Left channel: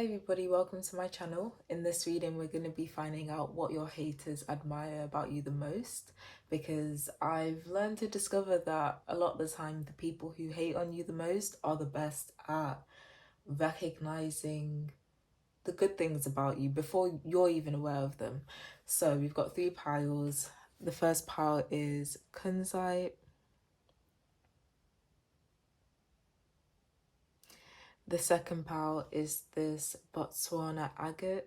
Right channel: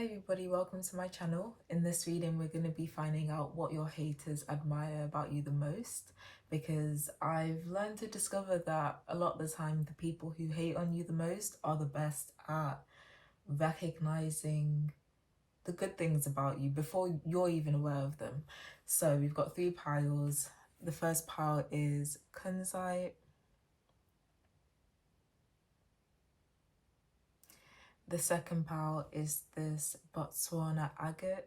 Hi everybody, welcome to my channel. In this reading we're going to be finding out what your haters admire about you the most, because I've learned to discover that a lot of the time the people who hate on you the most are the best at recognizing the good things about you before you're even aware of them. So we've got three piles. The first pile is kunzite. The second pile is this Botswana agate.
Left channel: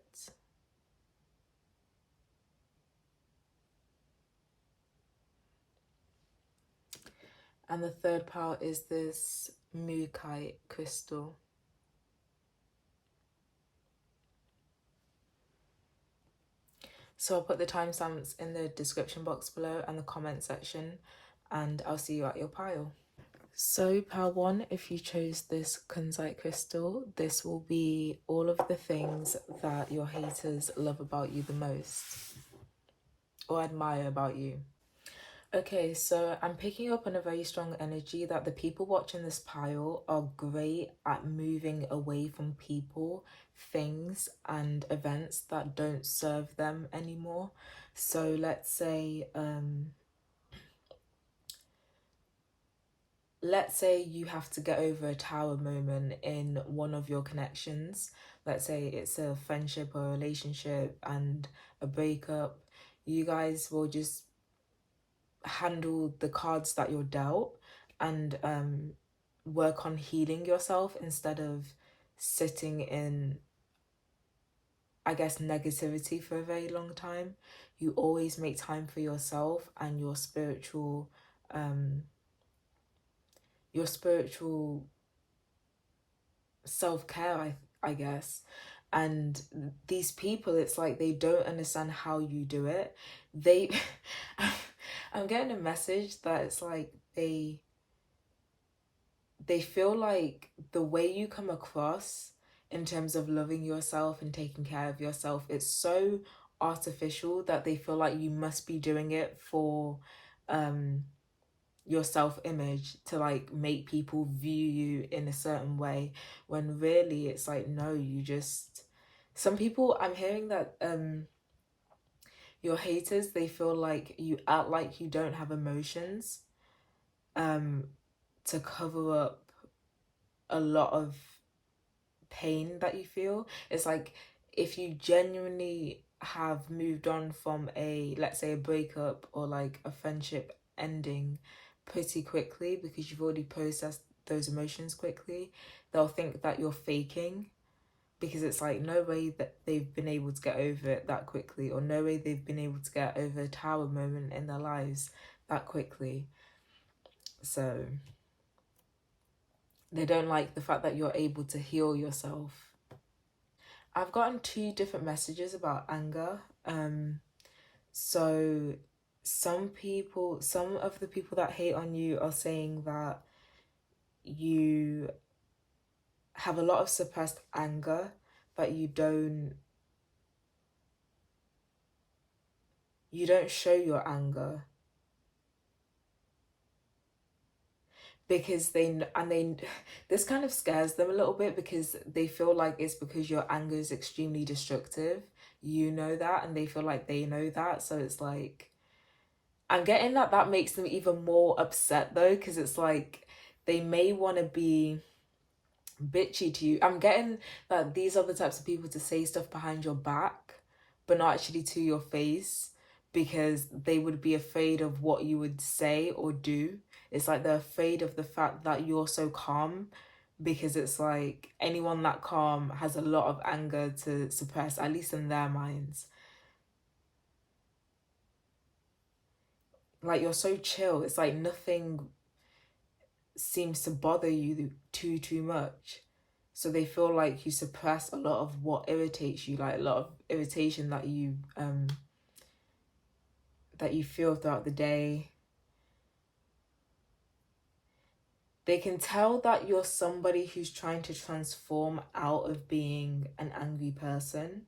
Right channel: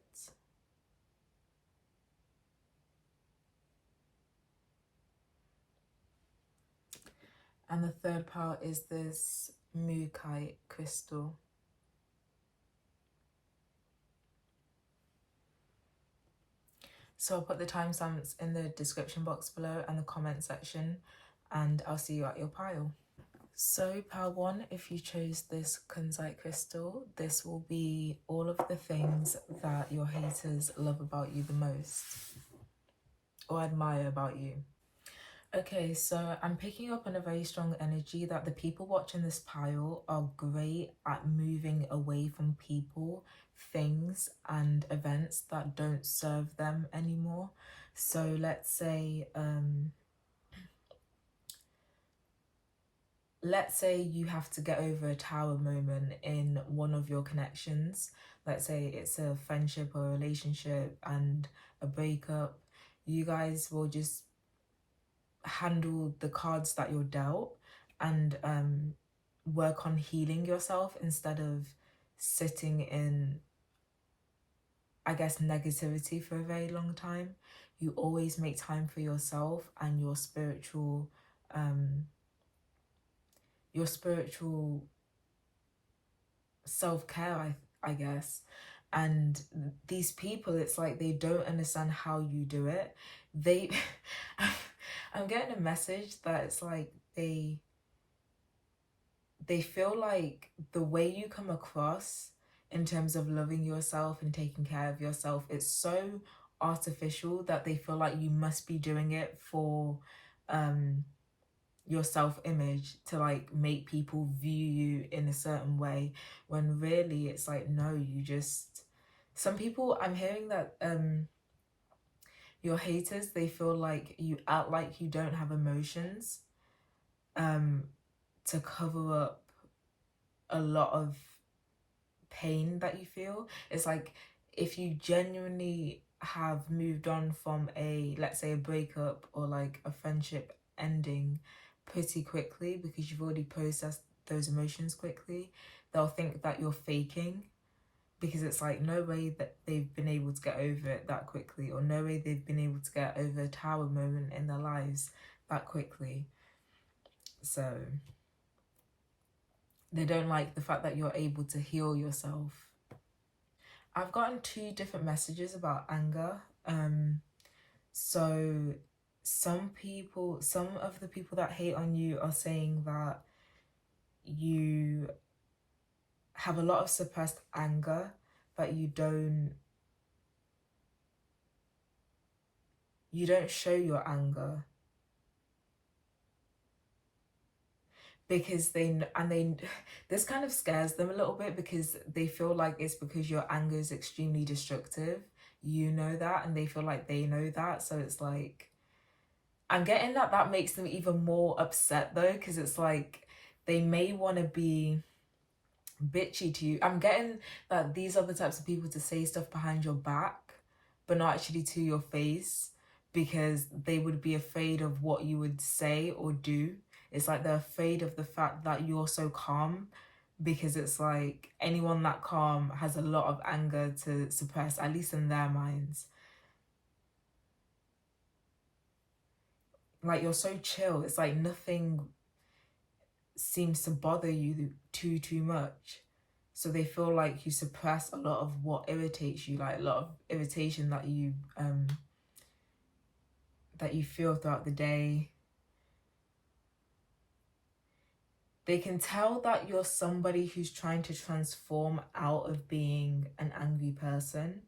And the third pile is this mookaite crystal. So I'll put the timestamps in the description box below and the comment section, and I'll see you at your pile. So pile one, if you chose this kunzite crystal, this will be all of the things that your haters love about you the most or admire about you. Okay, so I'm picking up on a very strong energy that the people watching this pile are great at moving away from people, things, and events that don't serve them anymore. So let's say you have to get over a tower moment in one of your connections. Let's say it's a friendship or a relationship and a breakup. You guys will just handle the cards that you're dealt and work on healing yourself instead of sitting in, I guess, negativity for a very long time. You always make time for yourself and your spiritual self-care, I guess. And these people, it's like they don't understand how you do it. I'm getting a message that it's like they feel like the way you come across in terms of loving yourself and taking care of yourself, it's so artificial that they feel like you must be doing it for your self-image, to like make people view you in a certain way, when really it's like, no, you just, some people, I'm hearing that your haters, they feel like you act like you don't have emotions to cover up a lot of pain that you feel. It's like, if you genuinely have moved on from a, let's say, a breakup or like a friendship ending pretty quickly, because you've already processed those emotions quickly, they'll think that you're faking, because it's like, no way that they've been able to get over it that quickly, or no way they've been able to get over a tower moment in their lives that quickly. So they don't like the fact that you're able to heal yourself. I've gotten two different messages about anger. So some of the people that hate on you are saying that you have a lot of suppressed anger, but you don't show your anger, because this kind of scares them a little bit, because they feel like it's because your anger is extremely destructive. You know that, and they feel like they know that. So it's like, I'm getting that makes them even more upset though, because it's like they may want to be bitchy to you. I'm getting that these are the types of people to say stuff behind your back but not actually to your face, because they would be afraid of what you would say or do. It's like they're afraid of the fact that you're so calm, because it's like anyone that calm has a lot of anger to suppress, at least in their minds. Like, you're so chill, it's like nothing seems to bother you too much. So they feel like you suppress a lot of what irritates you, like a lot of irritation that you feel throughout the day. They can tell that you're somebody who's trying to transform out of being an angry person.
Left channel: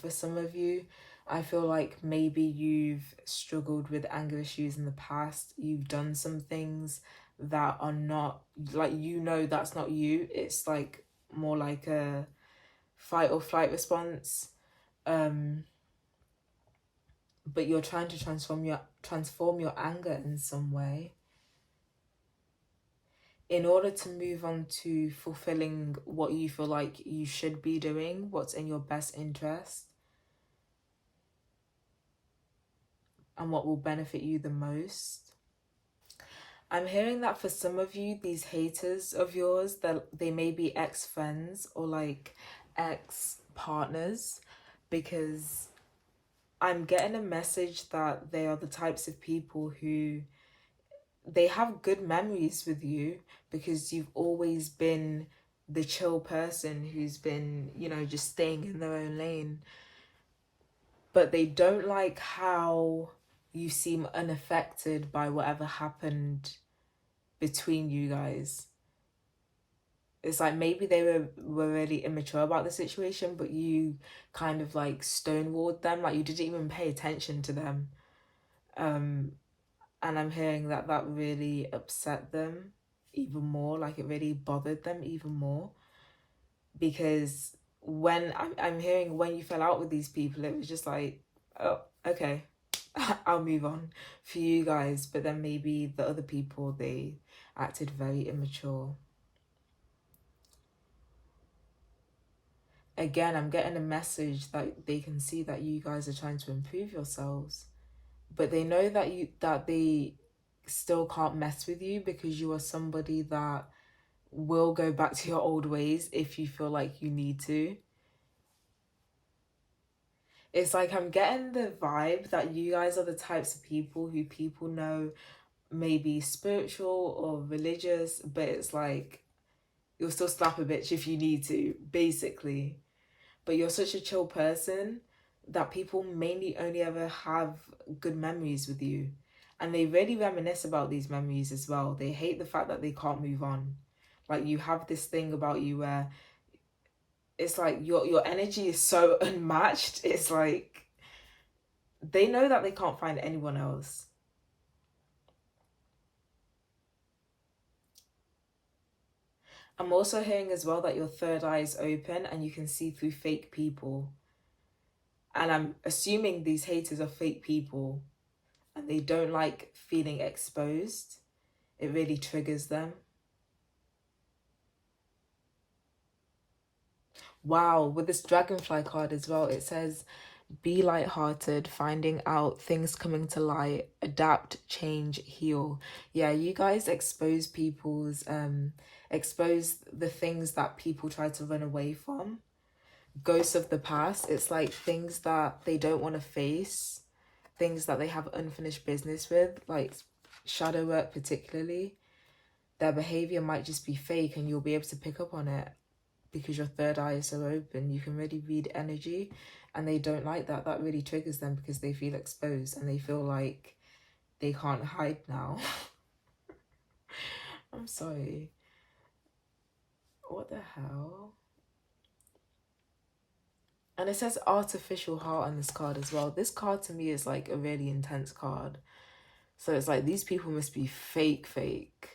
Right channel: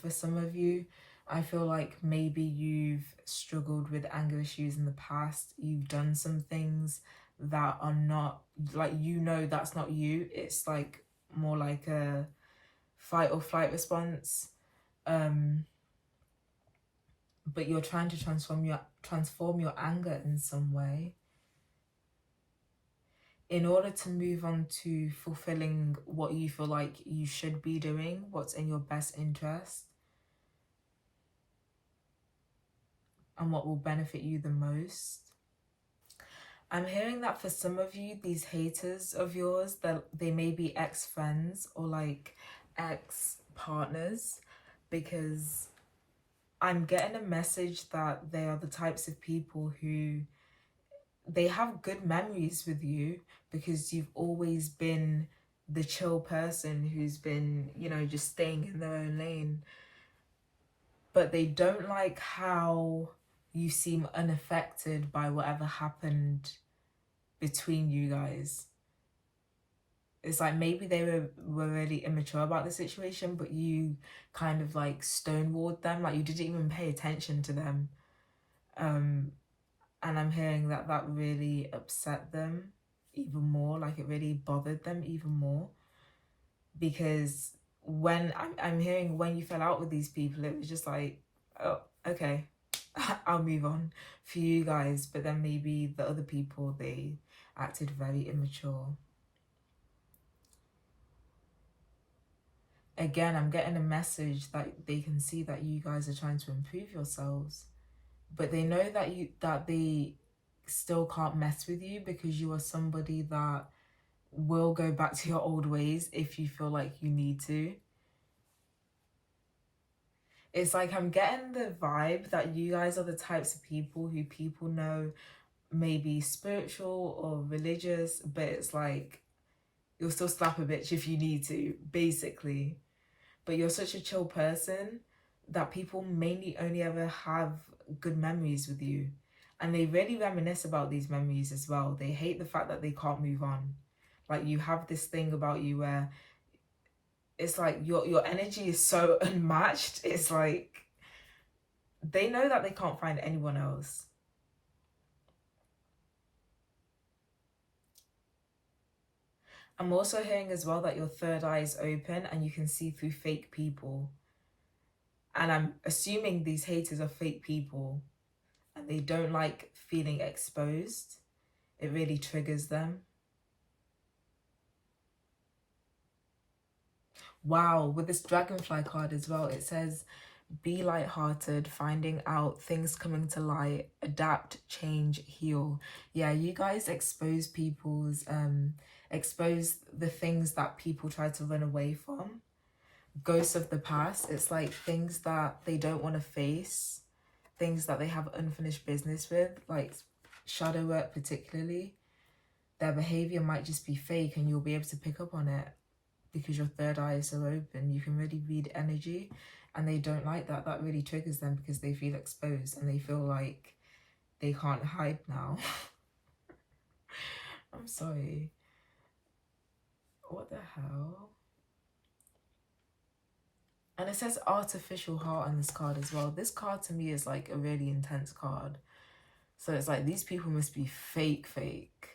For some of you, I feel like maybe you've struggled with anger issues in the past. You've done some things that are not, like, you know, that's not you. It's like more like a fight or flight response, but you're trying to transform your anger in some way in order to move on to fulfilling what you feel like you should be doing, what's in your best interest, and what will benefit you the most. I'm hearing that for some of you, these haters of yours, that they may be ex-friends or like ex-partners, because I'm getting a message that they are the types of people who, they have good memories with you because you've always been the chill person who's been, you know, just staying in their own lane. But they don't like how you seem unaffected by whatever happened between you guys. It's like maybe they were really immature about the situation, but you kind of like stonewalled them, like you didn't even pay attention to them. And I'm hearing that that really upset them even more, like it really bothered them even more, because when I'm hearing when you fell out with these people, it was just like, oh, okay, I'll move on for you guys. But then maybe the other people, they acted very immature. Again, I'm getting a message that they can see that you guys are trying to improve yourselves, but they know that they still can't mess with you because you are somebody that will go back to your old ways if you feel like you need to. It's like I'm getting the vibe that you guys are the types of people who people know may be spiritual or religious, but it's like you'll still slap a bitch if you need to, basically. But you're such a chill person that people mainly only ever have good memories with you. And they really reminisce about these memories as well. They hate the fact that they can't move on. Like you have this thing about you where it's like your energy is so unmatched. It's like they know that they can't find anyone else. I'm also hearing as well that your third eye is open and you can see through fake people. And I'm assuming these haters are fake people and they don't like feeling exposed. It really triggers them. Wow, with this dragonfly card as well, it says be lighthearted, finding out things coming to light, adapt, change, heal. Yeah, you guys expose expose the things that people try to run away from. Ghosts of the past, it's like things that they don't want to face, things that they have unfinished business with, like shadow work particularly. Their behavior might just be fake and you'll be able to pick up on it because your third eye is so open. You can really read energy, and they don't like that. That really triggers them because they feel exposed and they feel like they can't hide now. I'm sorry. What the hell? And it says artificial heart on this card as well. This card to me is like a really intense card. So it's like these people must be fake.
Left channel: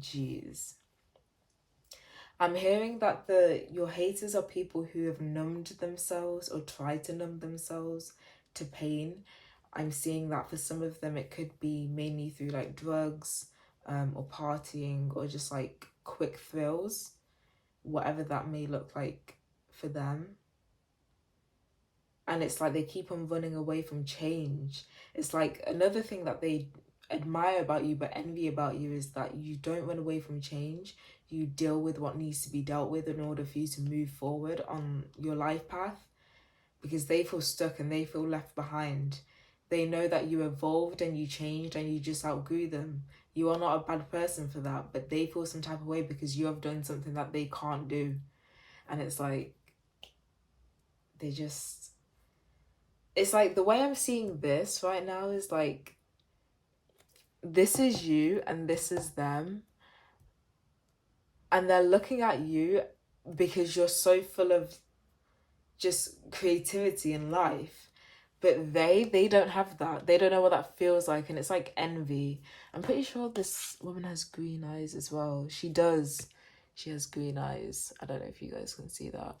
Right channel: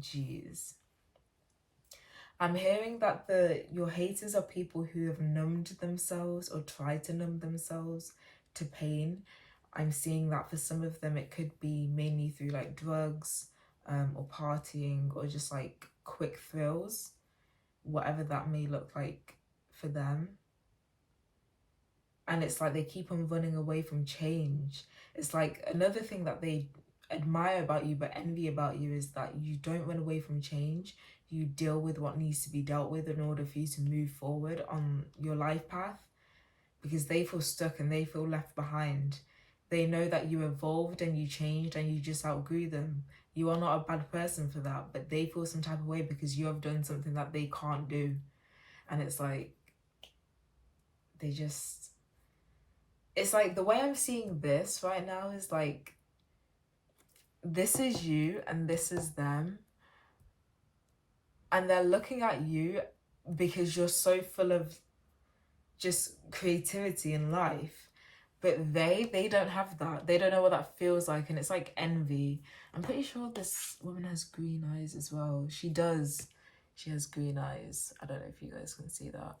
Jeez. I'm hearing that your haters are people who have numbed themselves or tried to numb themselves to pain. I'm seeing that for some of them it could be mainly through like drugs or partying or just like quick thrills, whatever that may look like for them. And it's like they keep on running away from change. It's like another thing that they admire about you but envy about you is that you don't run away from change. You deal with what needs to be dealt with in order for you to move forward on your life path, because they feel stuck and they feel left behind. They know that you evolved and you changed and you just outgrew them. You are not a bad person for that, but they feel some type of way because you have done something that they can't do. And it's like they just, it's like the way I'm seeing this right now is like this is you and this is them, and they're looking at you because you're so full of just creativity in life, but they don't have that. They don't know what that feels like, and it's like envy. I'm pretty sure this woman has green eyes as well. She does. She has green eyes. I don't know if you guys can see that.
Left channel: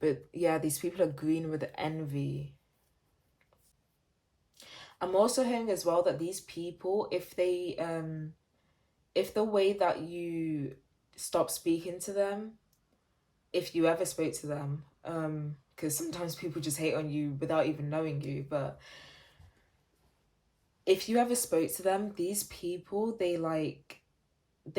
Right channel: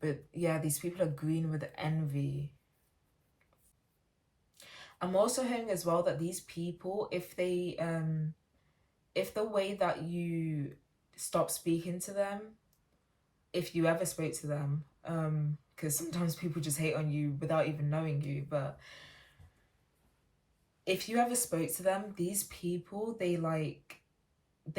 But yeah, these people are green with envy. I'm also hearing as well that these people, if the way that you stop speaking to them, if you ever spoke to them, because sometimes people just hate on you without even knowing you, but if you ever spoke to them, these people, they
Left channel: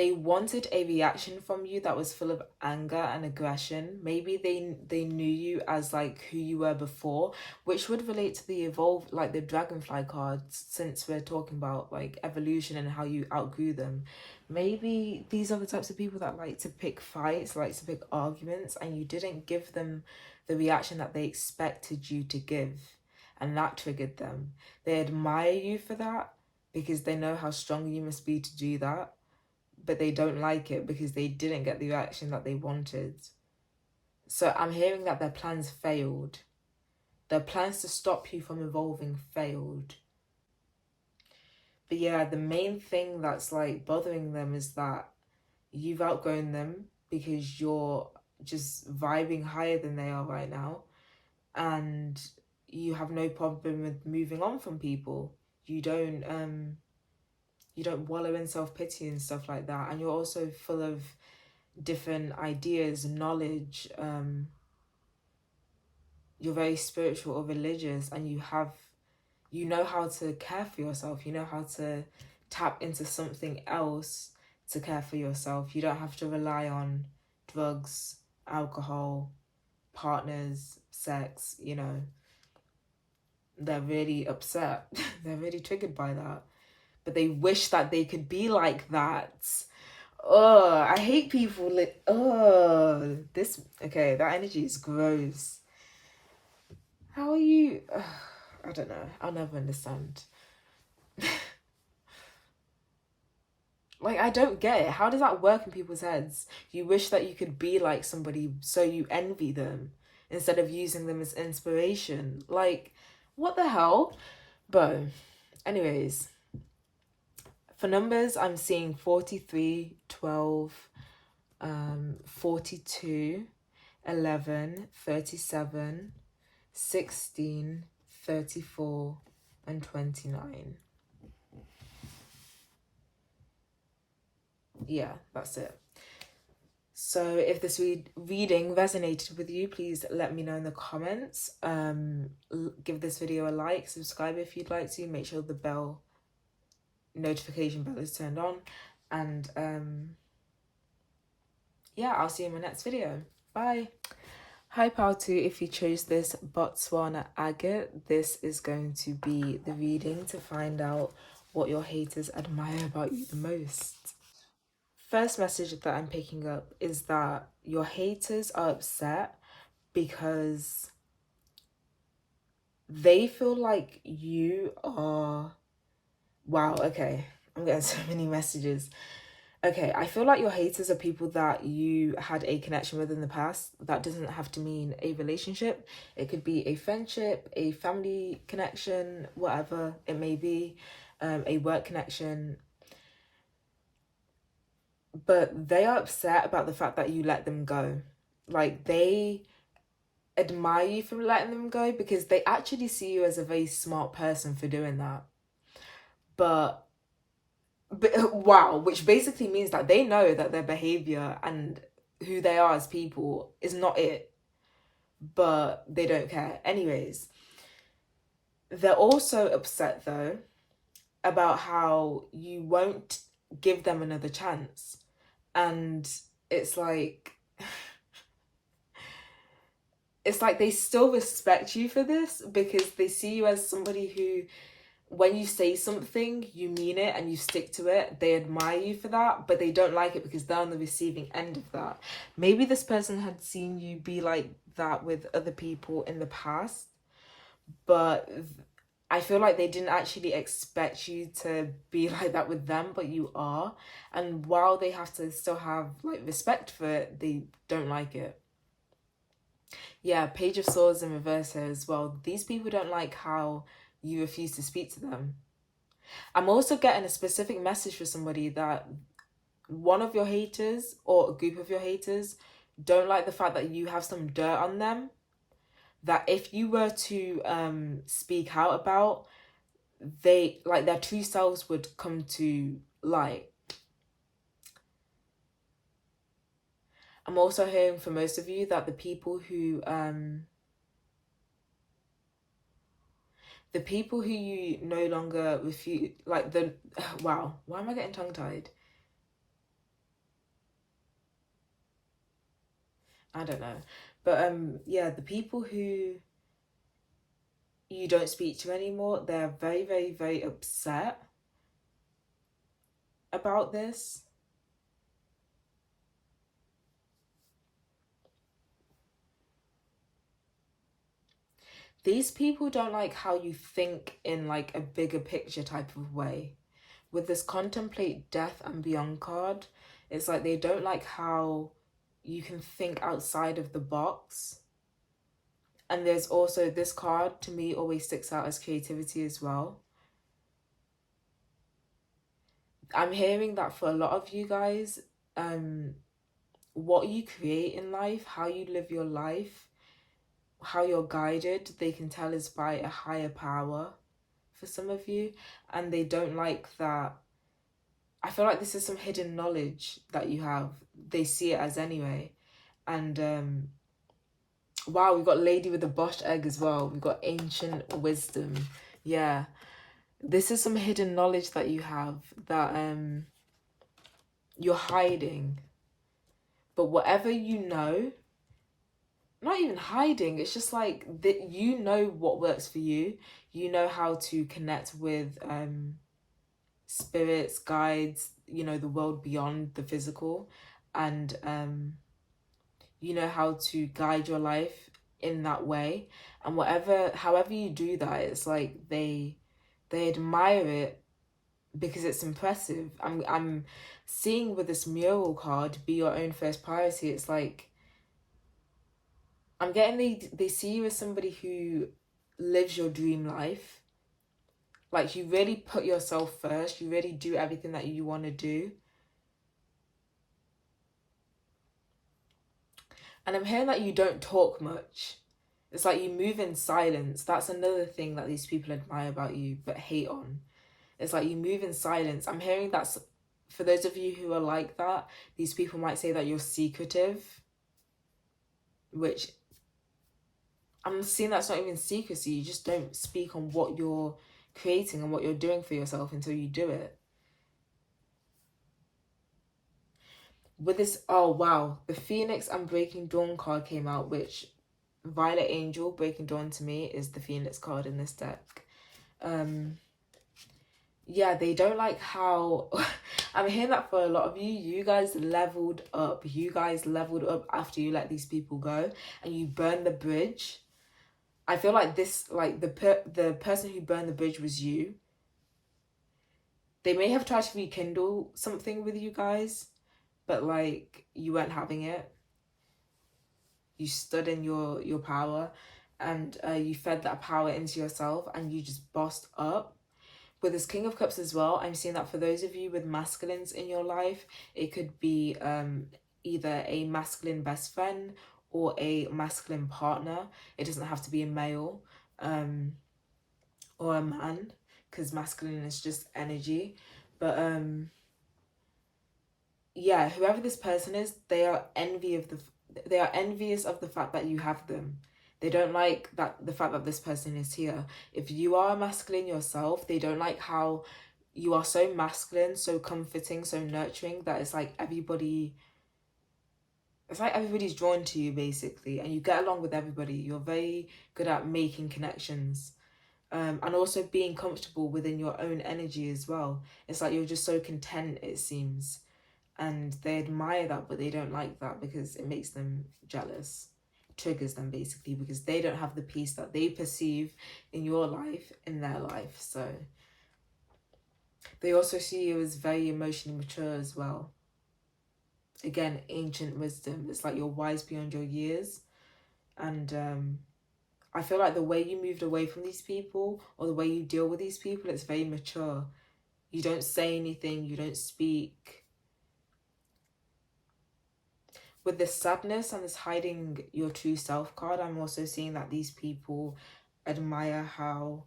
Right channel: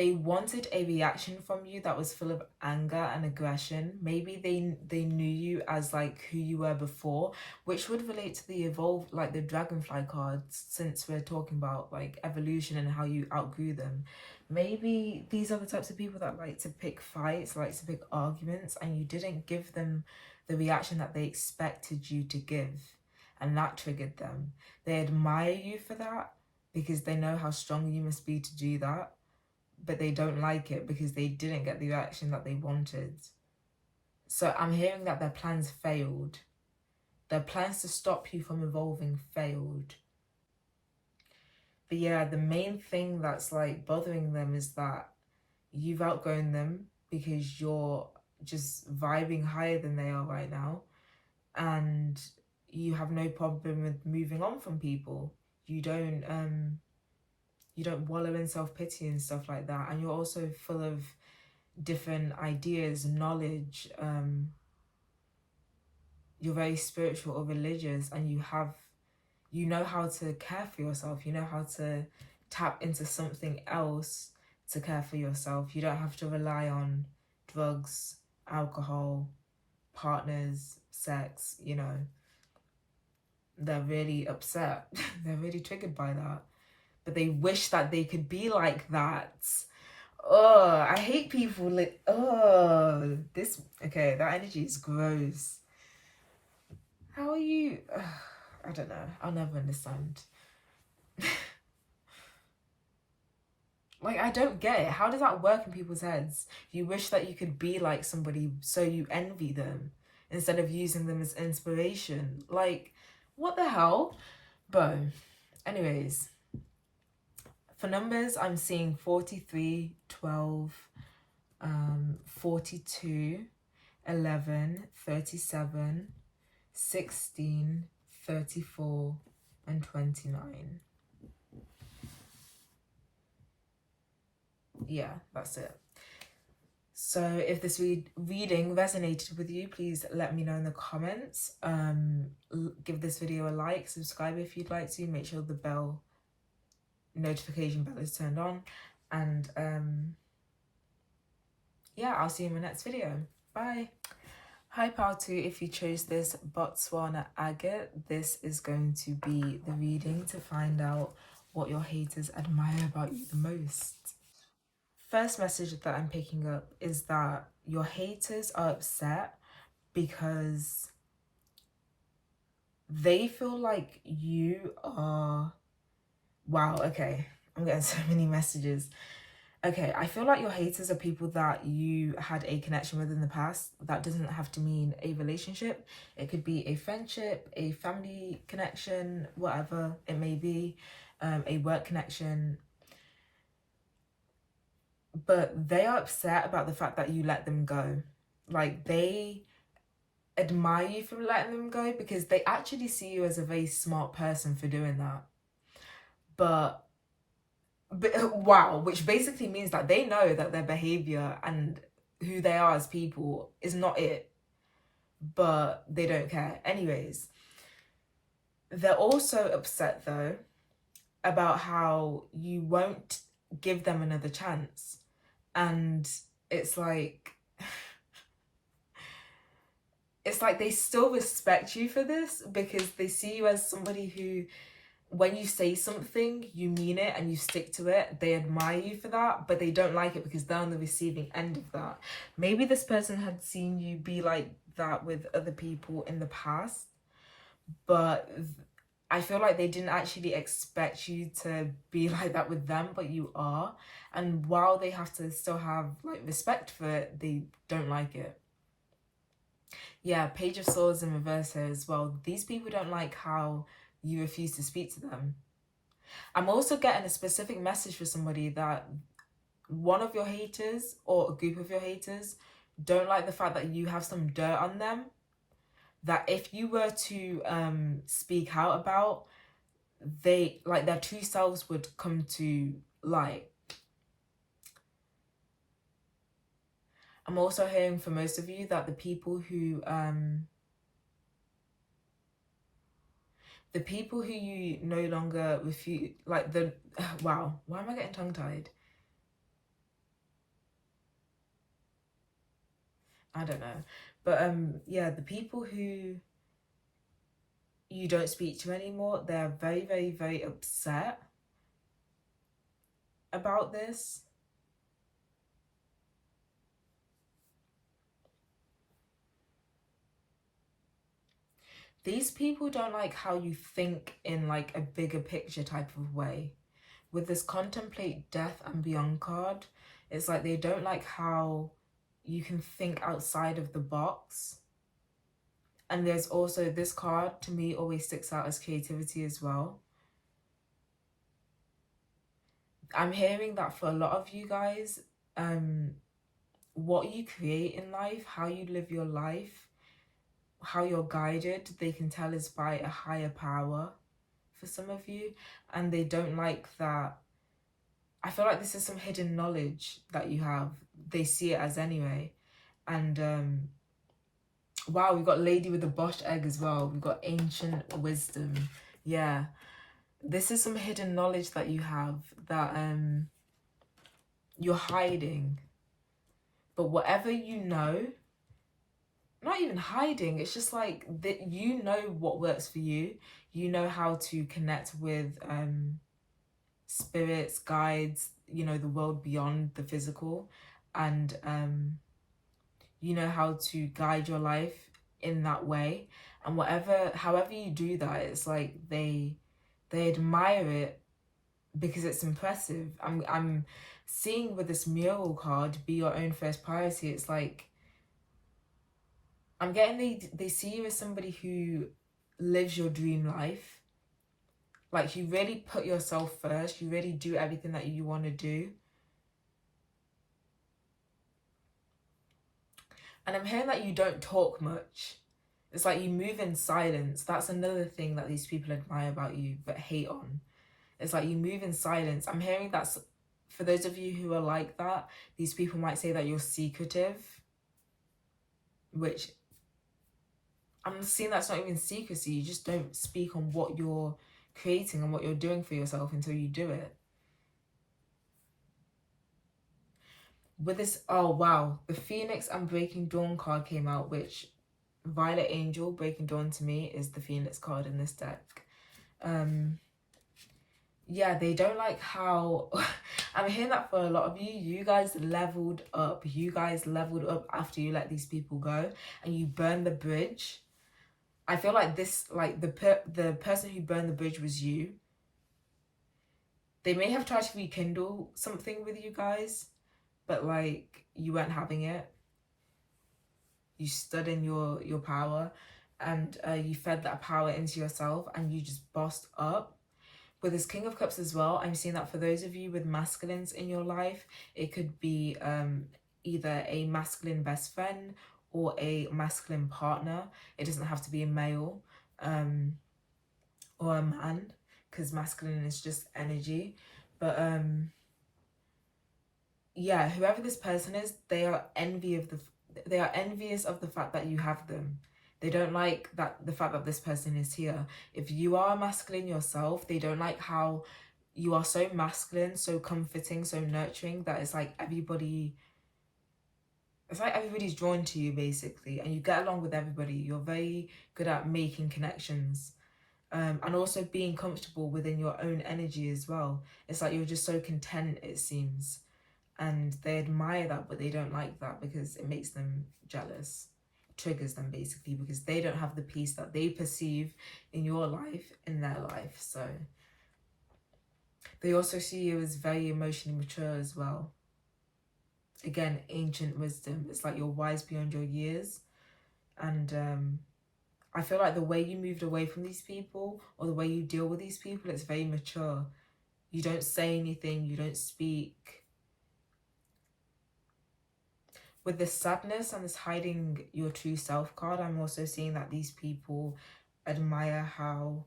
wanted a reaction from you that was full of anger and aggression. Maybe they knew you as like who you were before, which would relate to the evolved, like the dragonfly cards, since we're talking about like evolution and how you outgrew them. Maybe these are the types of people that like to pick fights, like to pick arguments, and you didn't give them the reaction that they expected you to give, and that triggered them. They admire you for that because they know how strong you must be to do that, but they don't like it because they didn't get the reaction that they wanted. So I'm hearing that their plans failed. Their plans to stop you from evolving failed. But yeah, the main thing that's like bothering them is that you've outgrown them because you're just vibing higher than they are right now. And you have no problem with moving on from people. You don't wallow in self-pity and stuff like that. And you're also full of different ideas, knowledge. You're very spiritual or religious, and you know how to care for yourself. You know how to tap into something else to care for yourself. You don't have to rely on drugs, alcohol, partners, sex. They're really upset. They're really triggered by that, but they wish that they could be like that. Oh, I hate people like, oh, this, okay, that energy is gross. How are you? I don't know. I'll never understand. Like, I don't get it. How does that work in people's heads? You wish that you could be like somebody, so you envy them instead of using them as inspiration. Like, what the hell? But, anyways, for numbers, I'm seeing 43, 12, 42, 11, 37, 16, 34, and 29. Yeah, that's it. So if this reading resonated with you, please let me know in the comments. Give this video a like, subscribe if you'd like to. Make sure the notification bell is turned on. And yeah, I'll see you in my next video. Bye. Hi Pautu, if you chose this Botswana agate, this is going to be the reading to find out what your haters admire about you the most. First message that I'm picking up is that your haters are upset because they feel like you are... Wow, okay. I'm getting so many messages. Okay, I feel like your haters are people that you had a connection with in the past. That doesn't have to mean a relationship. It could be a friendship, a family connection, whatever it may be, a work connection. But they are upset about the fact that you let them go. Like, they admire you for letting them go because they actually see you as a very smart person for doing that. But wow, which basically means that they know that their behavior and who they are as people is not it, but they don't care. Anyways, they're also upset though about how you won't give them another chance. And it's like they still respect you for this because they see you as somebody who, when you say something, you mean it and you stick to it. They admire you for that, but they don't like it because they're on the receiving end of that. Maybe this person had seen you be like that with other people in the past, but I feel like they didn't actually expect you to be like that with them, but you are. And while they have to still have like respect for it, they don't like it. Yeah, Page of Swords in reverse here as well. These people don't like how you refuse to speak to them. I'm also getting a specific message for somebody that one of your haters or a group of your haters don't like the fact that you have some dirt on them that if you were to speak out about, they like their true selves would come to light. I'm also hearing for most of you that the people who you no longer refuse, like the wow, why am I getting tongue tied? I don't know, but yeah, the people who you don't speak to anymore, they're very, very, very upset about this. These people don't like how you think in like a bigger picture type of way. With this contemplate death and beyond card, it's like they don't like how you can think outside of the box. And there's also this card to me always sticks out as creativity as well. I'm hearing that for a lot of you guys, what you create in life, how you live your life, how you're guided, they can tell is by a higher power for some of you. And they don't like that. I feel like this is some hidden knowledge that you have. They see it as anyway. And wow, we've got Lady with the Boshed Egg as well. We've got Ancient Wisdom. Yeah. This is some hidden knowledge that you have that you're hiding. But whatever you know, not even hiding, it's just like that you know what works for you. You know how to connect with spirits, guides, you know, the world beyond the physical, and you know how to guide your life in that way. And however you do that, it's like they admire it because it's impressive. I'm seeing with this mural card, be your own first priority. It's like I'm getting they see you as somebody who lives your dream life. Like you really put yourself first. You really do everything that you want to do. And I'm hearing that you don't talk much. It's like you move in silence. That's another thing that these people admire about you but hate on. It's like you move in silence. I'm hearing that's for those of you who are like that, these people might say that you're secretive, which I'm seeing that's not even secrecy. You just don't speak on what you're creating and what you're doing for yourself until you do it. With this, oh wow, the Phoenix and Breaking Dawn card came out, which Violet Angel, Breaking Dawn to me is the Phoenix card in this deck. Yeah, they don't like how I'm hearing that for a lot of you. You guys leveled up. You guys leveled up after you let these people go and you burned the bridge. I feel like this, like the person who burned the bridge was you. They may have tried to rekindle something with you guys, but like you weren't having it. You stood in your power, and you fed that power into yourself, and you just bossed up. With this King of Cups as well, I'm seeing that for those of you with masculines in your life, it could be either a masculine best friend or a masculine partner. It doesn't have to be a male or a man, because masculine is just energy. But yeah, whoever this person is, they are envious of the fact that you have them. They don't like the fact that this person is here. If you are masculine yourself, they don't like how you are so masculine, so comforting, so nurturing that it's like everybody's drawn to you basically, and you get along with everybody. You're very good at making connections. And also being comfortable within your own energy as well. It's like you're just so content, it seems. And they admire that, but they don't like that because it makes them jealous, triggers them basically, because they don't have the peace that they perceive in your life, in their life. So they also see you as very emotionally mature as well. Again, ancient wisdom. It's like you're wise beyond your years. And I feel like the way you moved away from these people or the way you deal with these people, it's very mature. You don't say anything, you don't speak. with this sadness and this hiding your true self card, I'm also seeing that these people admire how,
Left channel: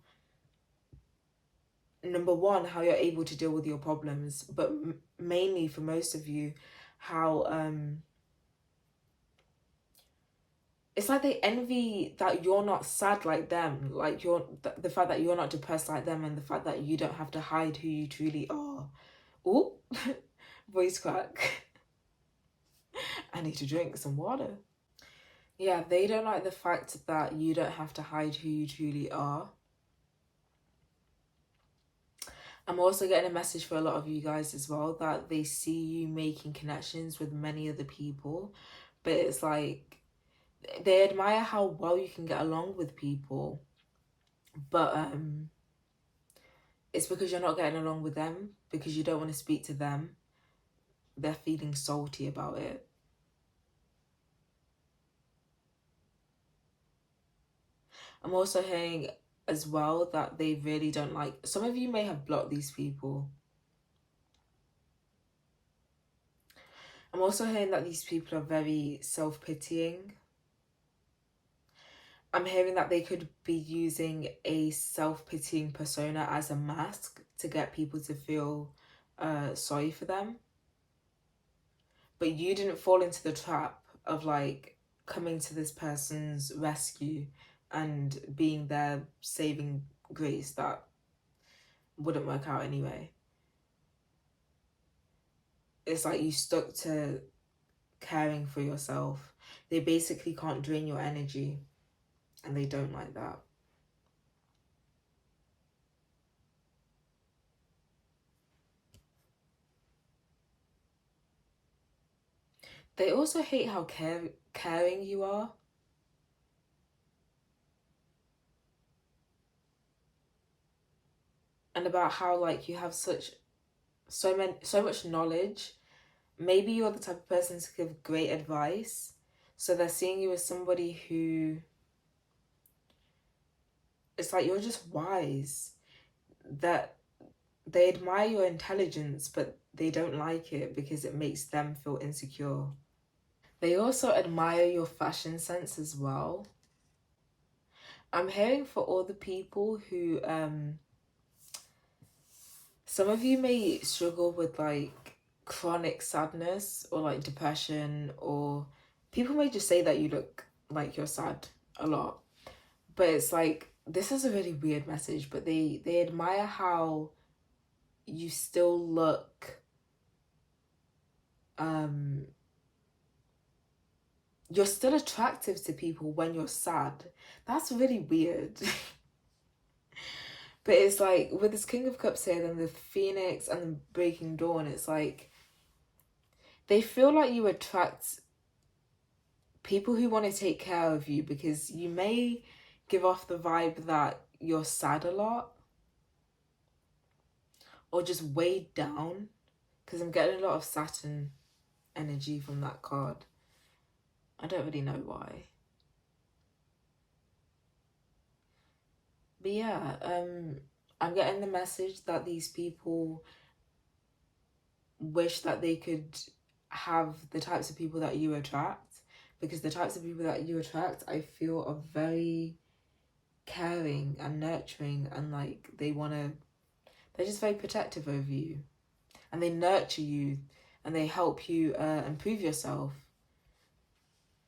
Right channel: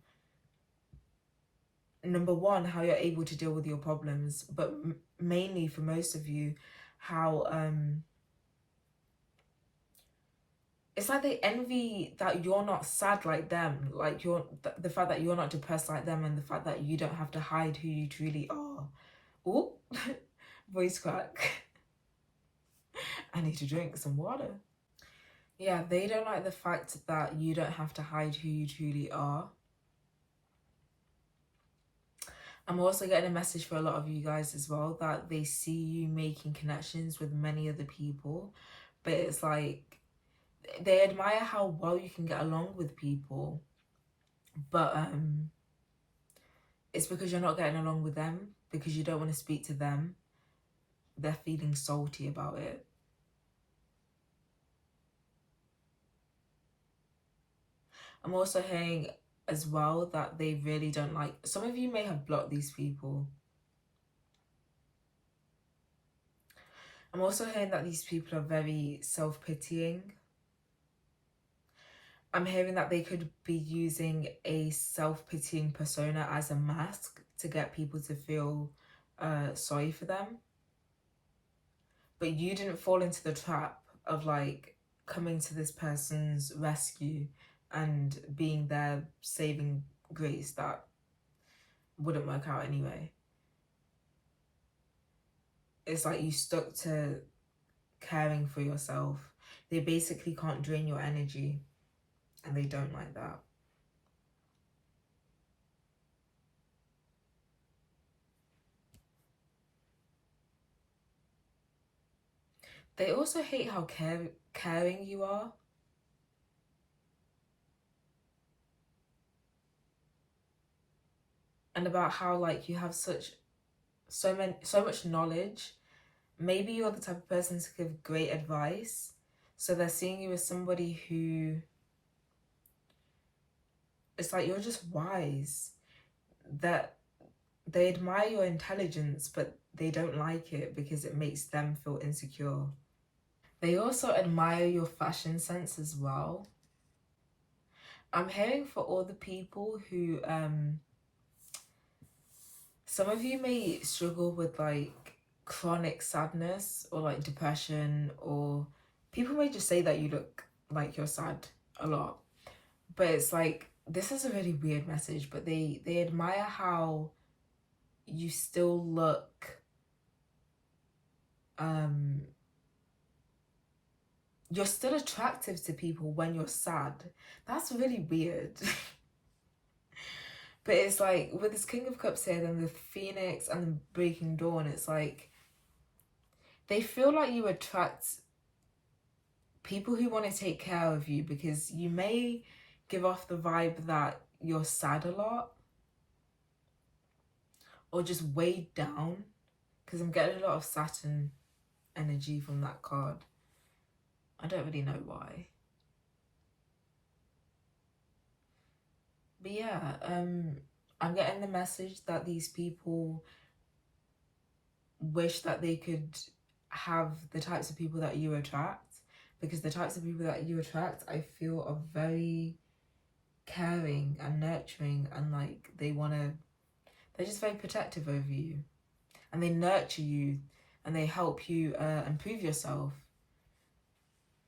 number one, how you're able to deal with your problems, but mainly for most of you, how it's like they envy that you're not sad like them, like you're the fact that you're not depressed like them, and the fact that you don't have to hide who you truly are. Oh, voice crack. I need to drink some water. Yeah, they don't like the fact that you don't have to hide who you truly are. I'm also getting a message for a lot of you guys as well, that they see you making connections with many other people, but it's like they admire how well you can get along with people, but it's because you're not getting along with them, because you don't want to speak to them. They're feeling salty about it. I'm also hearing as well that they really don't like, some of you may have blocked these people. I'm also hearing that these people are very self-pitying. I'm hearing that they could be using a self-pitying persona as a mask to get people to feel sorry for them. But you didn't fall into the trap of like coming to this person's rescue and being their saving grace that wouldn't work out anyway. It's like you stuck to caring for yourself. They basically can't drain your energy, and they don't like that. They also hate how caring you are. And about how like you have so much knowledge. Maybe you're the type of person to give great advice. So they're seeing you as somebody who, it's like you're just wise. That they admire your intelligence, but they don't like it because it makes them feel insecure. They also admire your fashion sense as well. I'm hearing for all the people who, some of you may struggle with like chronic sadness or like depression, or people may just say that you look like you're sad a lot. But it's like, this is a really weird message, but they admire how you still look, um you're still attractive to people when you're sad. That's really weird. But it's like with this King of Cups here, then the Phoenix and the Breaking Dawn, it's like they feel like you attract people who want to take care of you, because you may give off the vibe that you're sad a lot or just weighed down, because I'm getting a lot of Saturn energy from that card. I don't really know why. But yeah, I'm getting the message that these people wish that they could have the types of people that you attract, because the types of people that you attract, I feel, are very caring and nurturing, and like they're just very protective over you, and they nurture you, and they help you improve yourself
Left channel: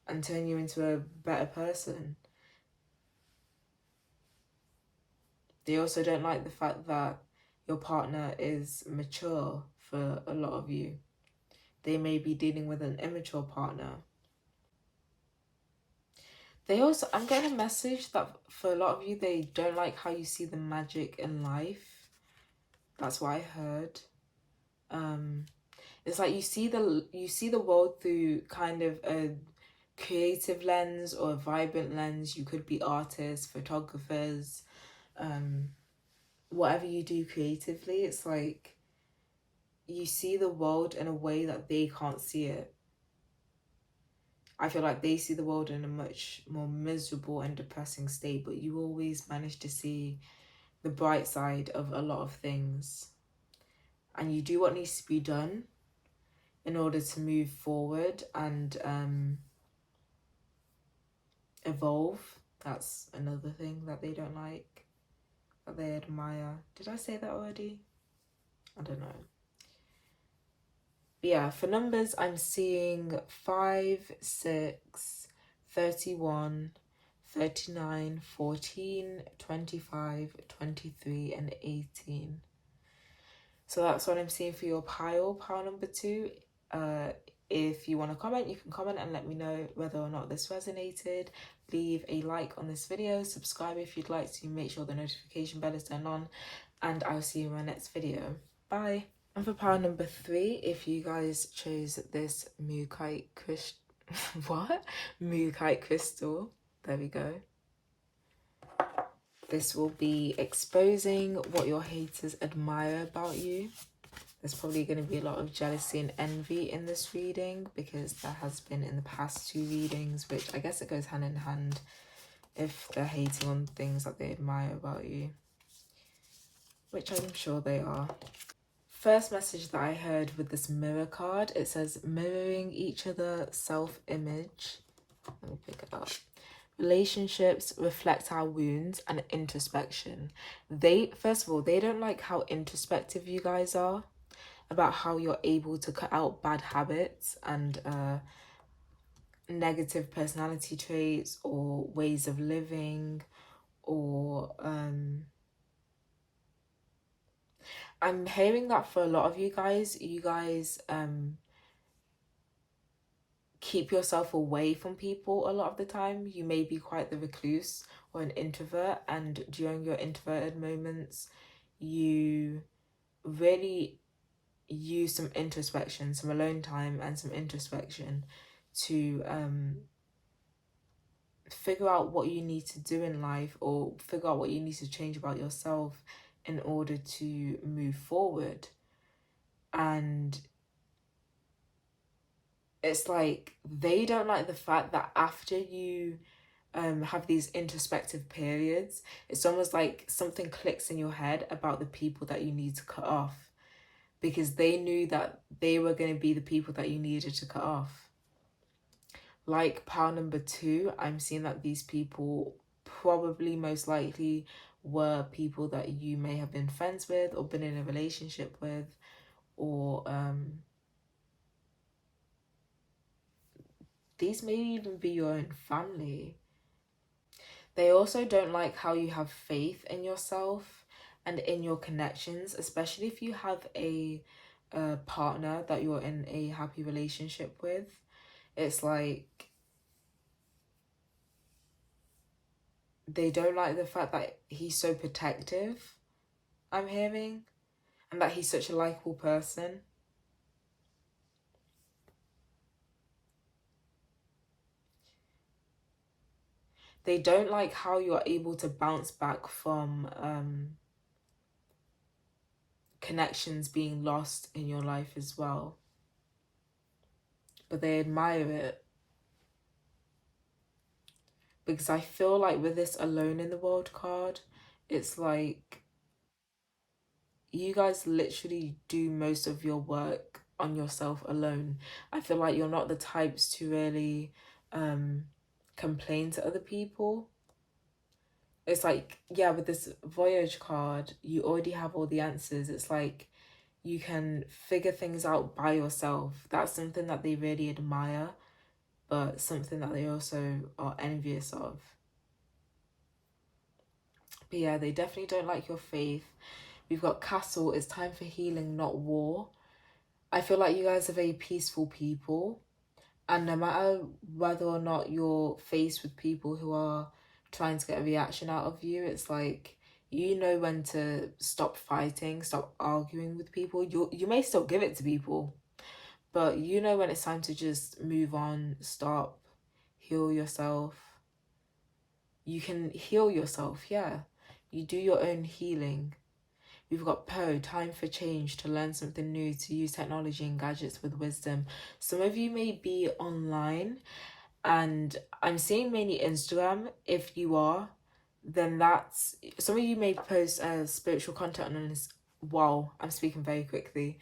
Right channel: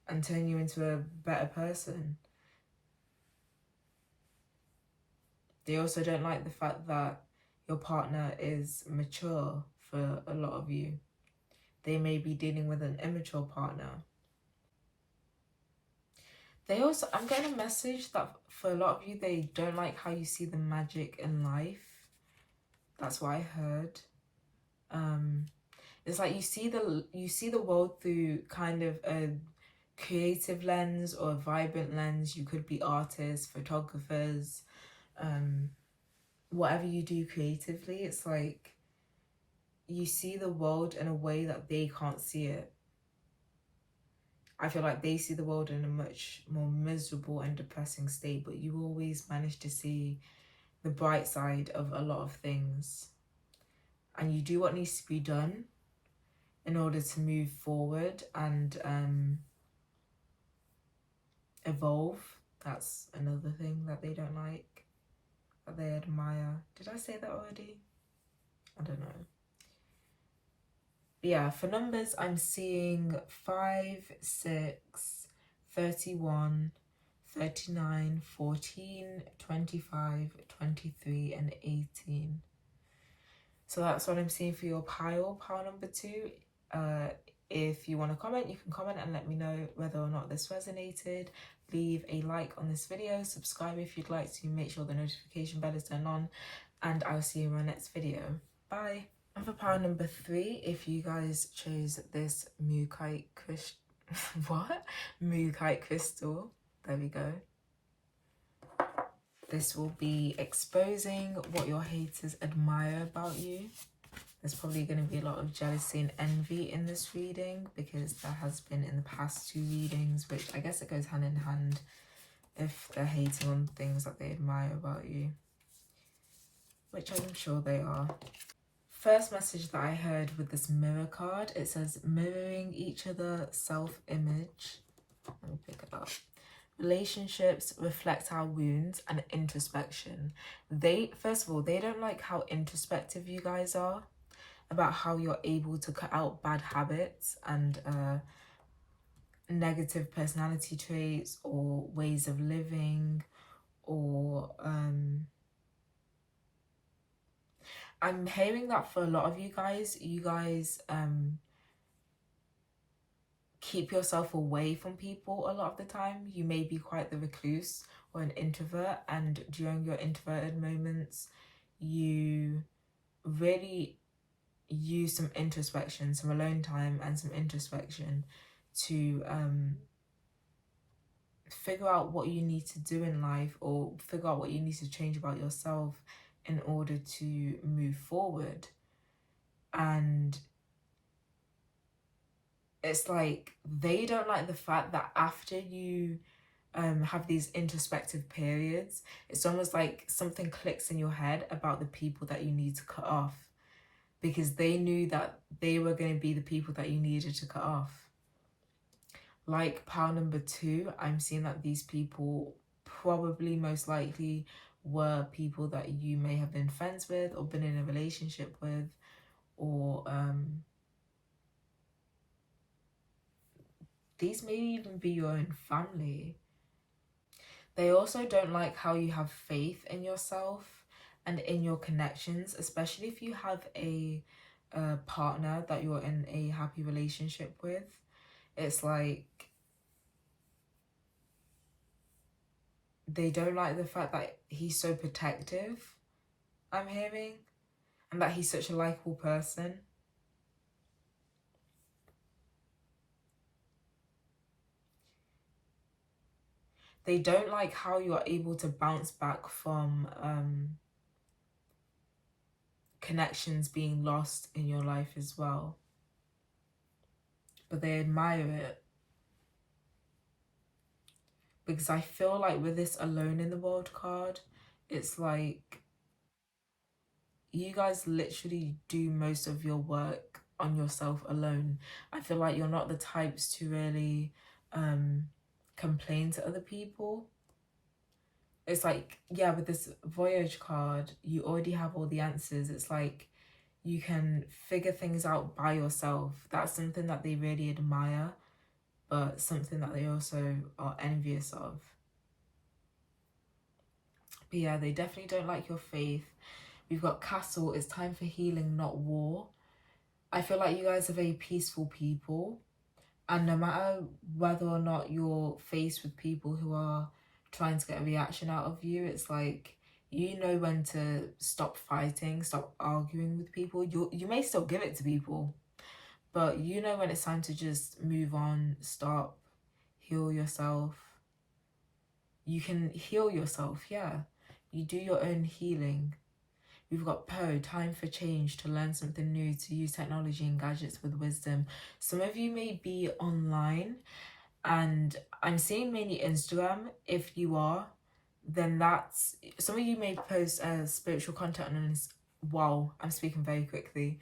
and turn you into a better person. They also don't like the fact that your partner is mature for a lot of you. They may be dealing with an immature partner. They also, I'm getting a message that for a lot of you, they don't like how you see the magic in life. That's what I heard. It's like you see the world through kind of a creative lens or a vibrant lens. You could be artists, photographers, whatever you do creatively. It's like you see the world in a way that they can't see it. I feel like they see the world in a much more miserable and depressing state, but you always manage to see the bright side of a lot of things. And you do what needs to be done. in order to move forward and evolve. That's another thing that they don't like, that they admire. Did I say that already? I don't know. But yeah, for numbers, I'm seeing 5, 6, 31, 39, 14, 25, 23, and 18. So that's what I'm seeing for your pile number 2. If you want to comment, you can comment and let me know whether or not this resonated. Leave a like on this video, subscribe if you'd like to, make sure the notification bell is turned on, and I'll see you in my next video. Bye. And for pile number 3, if you guys chose this mookaite crystal, what? Mookaite crystal, there we go. This will be exposing what your haters admire about you. There's probably going to be a lot of jealousy and envy in this reading, because there has been in the past 2 readings, which I guess it goes hand in hand if they're hating on things that they admire about you, which I'm sure they are. First message that I heard with this mirror card, it says mirroring each other, self-image. Let me pick it up. Relationships reflect our wounds and introspection. First of all, they don't like how introspective you guys are, about how you're able to cut out bad habits and negative personality traits or ways of living, or I'm hearing that for a lot of you guys keep yourself away from people a lot of the time. You may be quite the recluse or an introvert, and during your introverted moments you really use some introspection, some alone time and some introspection to figure out what you need to do in life, or figure out what you need to change about yourself in order to move forward. And it's like they don't like the fact that after you have these introspective periods, it's almost like something clicks in your head about the people that you need to cut off, because they knew that they were going to be the people that you needed to cut off. Like pile number 2, I'm seeing that these people probably most likely were people that you may have been friends with or been in a relationship with, or these may even be your own family. They also don't like how you have faith in yourself and in your connections, especially if you have a partner that you're in a happy relationship with. It's like they don't like the fact that he's so protective, I'm hearing, and that he's such a likable person. They don't like how you're able to bounce back from connections being lost in your life as well. But they admire it. Because I feel like with this alone in the world card, it's like you guys literally do most of your work on yourself alone. I feel like you're not the types to really complain to other people. It's like, yeah, with this voyage card, you already have all the answers. It's like you can figure things out by yourself. That's something that they really admire, but something that they also are envious of. But yeah, they definitely don't like your faith. We've got castle. It's time for healing, not war. I feel like you guys are very peaceful people, and no matter whether or not you're faced with people who are trying to get a reaction out of you, it's like you know when to stop fighting, stop arguing with people. You may still give it to people, but you know when it's time to just move on, stop, heal yourself. You can heal yourself, yeah. You do your own healing. We've got Poe, time for change, to learn something new, to use technology and gadgets with wisdom. Some of you may be online, and I'm seeing mainly Instagram. If you are, then that's... Some of you may post spiritual content on this. Wow, I'm speaking very quickly.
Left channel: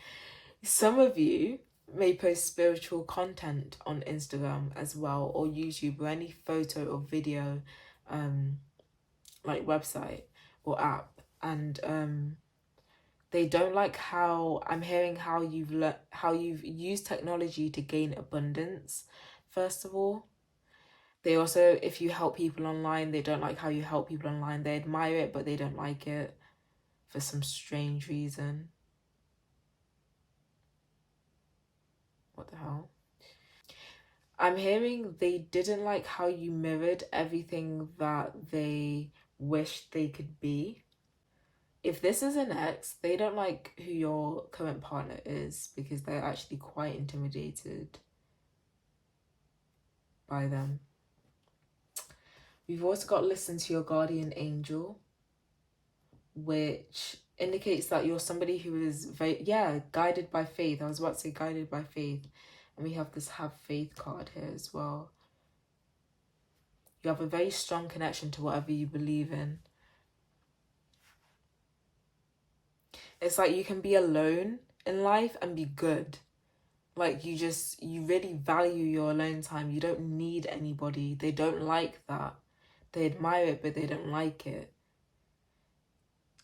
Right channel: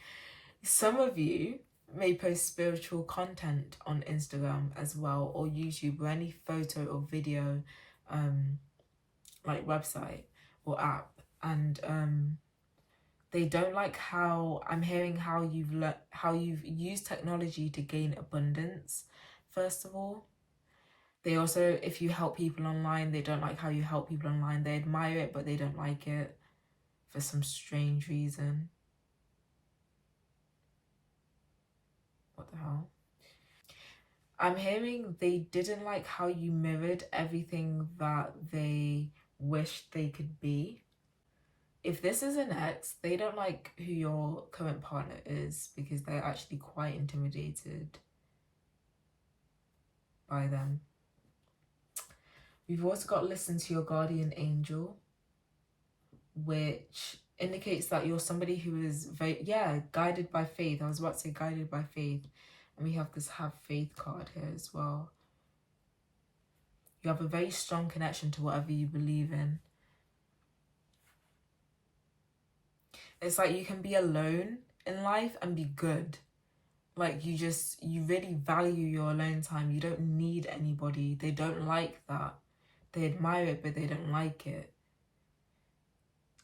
Some of you may post spiritual content on Instagram as well, or YouTube, or any photo or video um like website or app. And they don't like how I'm hearing how you've used technology to gain abundance. First of all, they also, if you help people online, they don't like how you help people online. They admire it, but they don't like it for some strange reason. What the hell? I'm hearing they didn't like how you mirrored everything that they wished they could be. If this is an ex, they don't like who your current partner is because they're actually quite intimidated by them. We've also got listen to your guardian angel, which indicates that you're somebody who is very, yeah, guided by faith. I was about to say guided by faith. And we have this have faith card here as well. You have a very strong connection to whatever you believe in. It's like you can be alone in life and be good. Like you really value your alone time. You don't need anybody. They don't like that. They admire it, but they don't like it.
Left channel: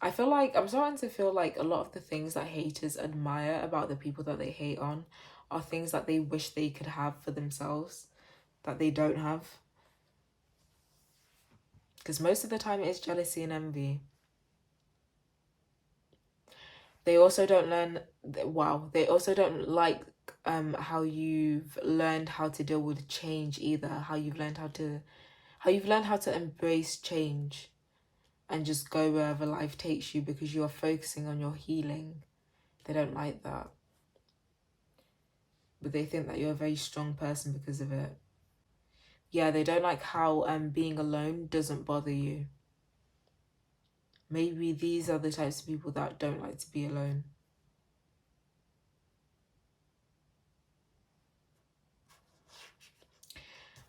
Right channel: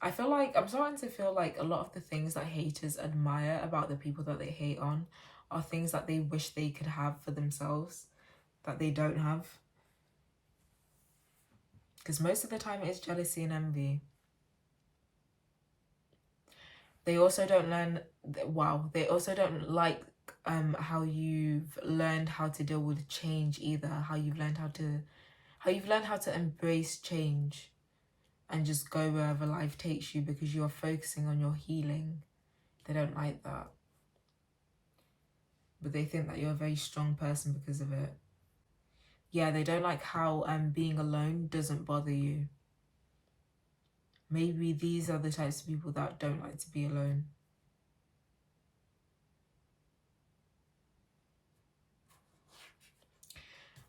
I feel like I'm starting to feel like a lot of the things that haters admire about the people that they hate on are things that they wish they could have for themselves that they don't have. Because most of the time it's jealousy and envy. They also don't they also don't like how you've learned how to deal with change either. How you've learned how to embrace change and just go wherever life takes you because you're focusing on your healing. They don't like that. But they think that you're a very strong person because of it. Yeah, they don't like how being alone doesn't bother you. Maybe these are the types of people that don't like to be alone.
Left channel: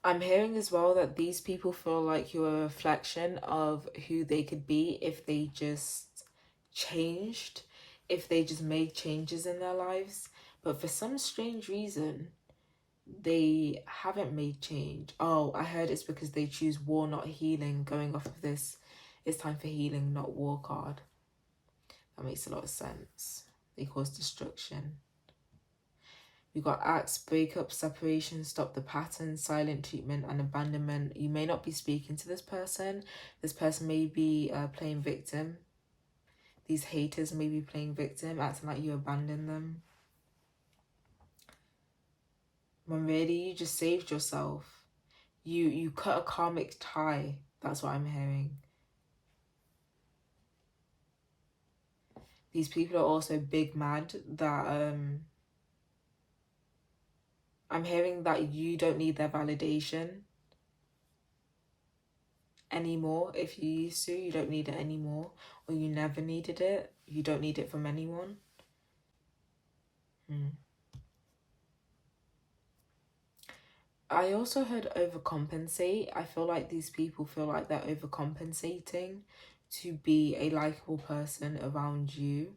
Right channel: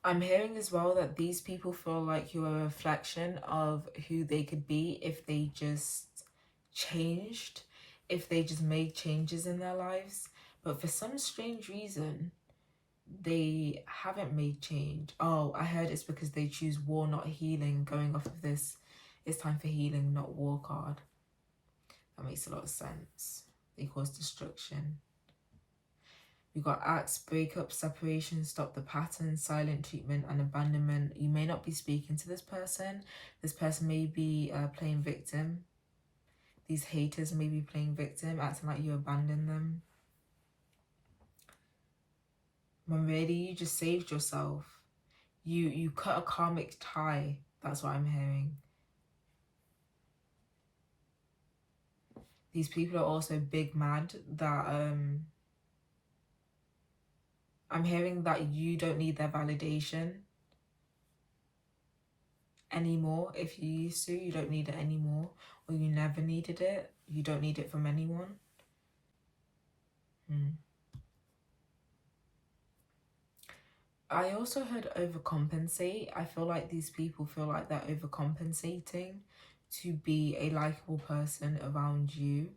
I'm hearing as well that these people feel like you're a reflection of who they could be if they just changed, if they just made changes in their lives. But for some strange reason, they haven't made change. Oh, I heard it's because they choose war, not healing. Going off of this, it's time for healing, not war card. That makes a lot of sense. They cause destruction. We've got acts, breakup, separation, stop the pattern, silent treatment, and abandonment. You may not be speaking to this person. This person may be playing victim. These haters may be playing victim, acting like you abandoned them. When really you just saved yourself. You cut a karmic tie. That's what I'm hearing. These people are also big mad that I'm hearing that you don't need their validation anymore. If you used to, you don't need it anymore, or you never needed it. You don't need it from anyone. I also heard overcompensate. I feel like these people feel like they're overcompensating to be a likable person around you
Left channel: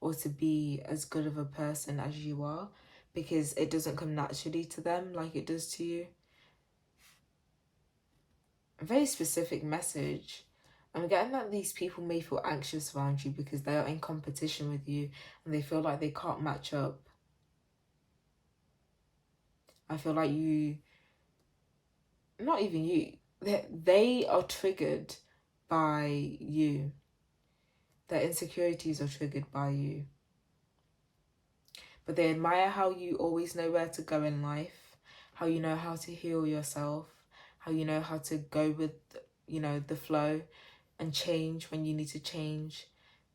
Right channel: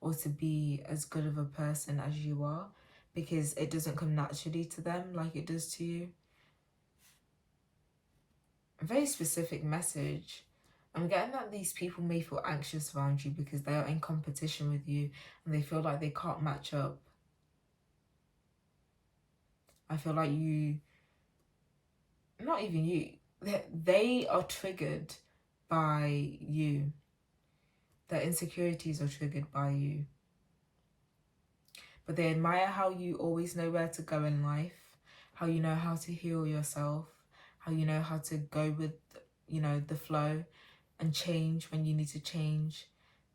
or to be as good of a person as you are because it doesn't come naturally to them like it does to you. A very specific message. I'm getting that these people may feel anxious around you because they are in competition with you and they feel like they can't match up. I feel like not even you, they are triggered by you. Their insecurities are triggered by you. But they admire how you always know where to go in life, how you know how to heal yourself, how you know how to go with, the flow and change when you need to change.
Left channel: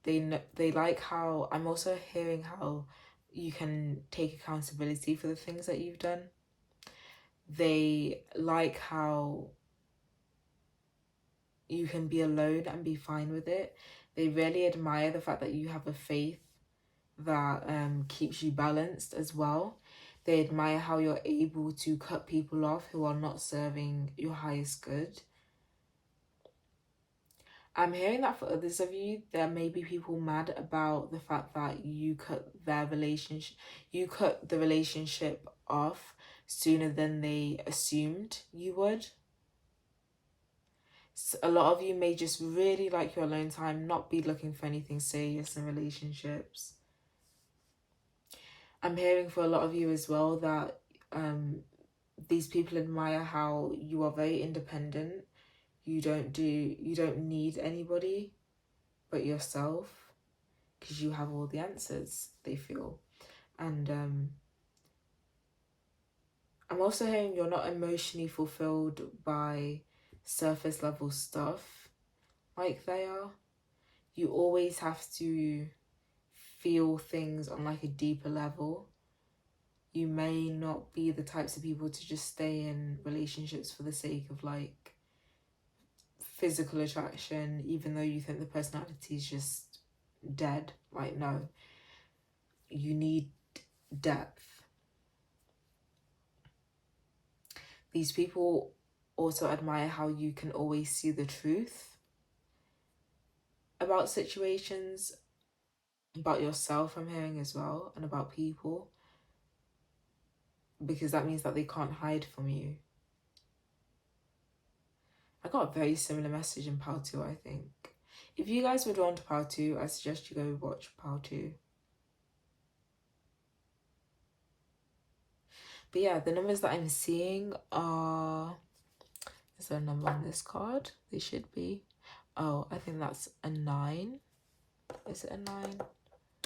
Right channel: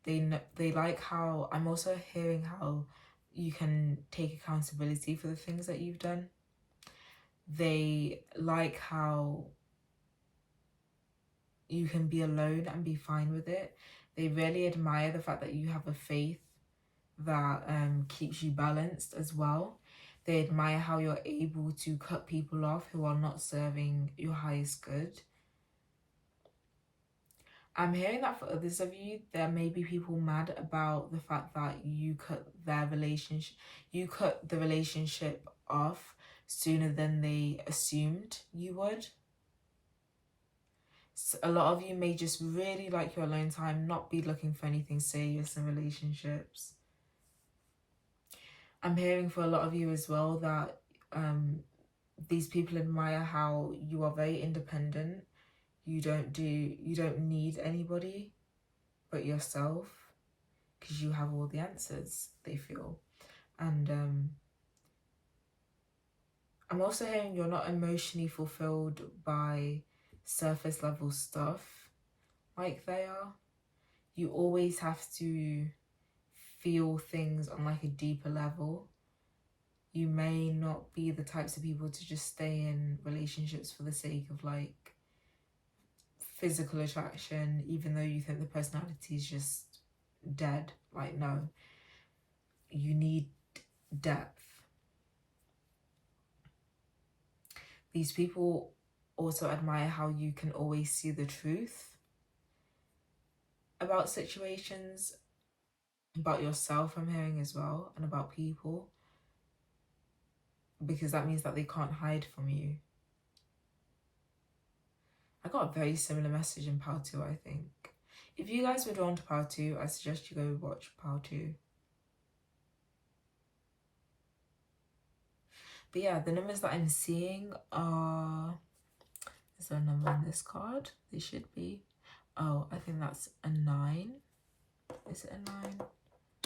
They like how, I'm also hearing how you can take accountability for the things that you've done. They like how you can be alone and be fine with it. They really admire the fact that you have a faith that keeps you balanced as well. They admire how you're able to cut people off who are not serving your highest good. I'm hearing that for others of you, there may be people mad about the fact that you cut the relationship off sooner than they assumed you would. So a lot of you may just really like your alone time, not be looking for anything serious in relationships. I'm hearing for a lot of you as well that these people admire how you are very independent. You don't need anybody but yourself, because you have all the answers, they feel. And I'm also hearing you're not emotionally fulfilled by surface level stuff like they are. You always have to feel things on like a deeper level. You may not be the types of people to just stay in relationships for the sake of like physical attraction, even though you think the personality is just dead. Like, no, you need depth. These people also admire how you can always see the truth about situations, about yourself, I'm hearing as well, and about people, because that means that they can't hide from you. I got a very similar message in Power 2, I think. If you guys were drawn to Power 2, I suggest you go watch Power 2. But yeah, the numbers that I'm seeing are... Is there a number on this card? They should be. Oh, I think that's a 9. Is it a 9?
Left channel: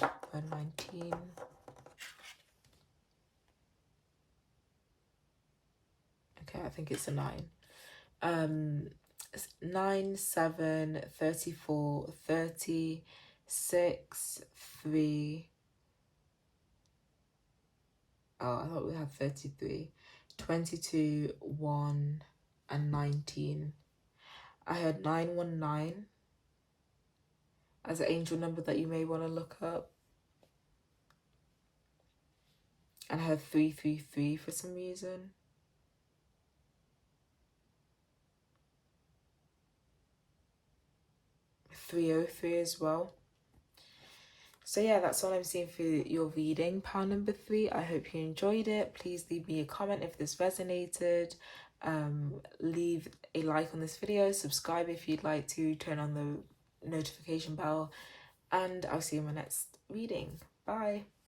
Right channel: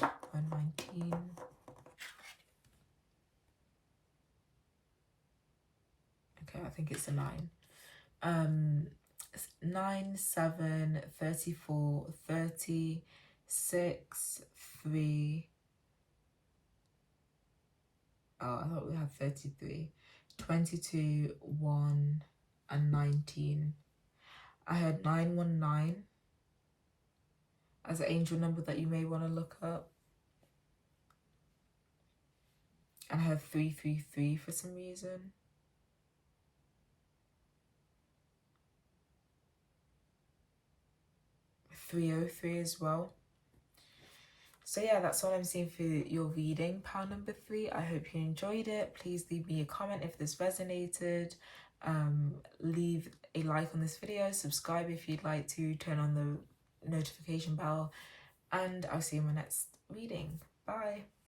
A 19. Okay, I think it's a 9. 9, 7, 34, 30, 6, 3. Oh, I thought we had 33. 22, 1, and 19. I heard 919 as an angel number that you may want to look up. And I heard 333 for some reason. 303 as well. So yeah, that's all I'm seeing for your reading, pile number 3. I hope you enjoyed it. Please leave me a comment if this resonated. Leave a like on this video, subscribe if you'd like to, turn on the notification bell, and I'll see you in my next reading. Bye.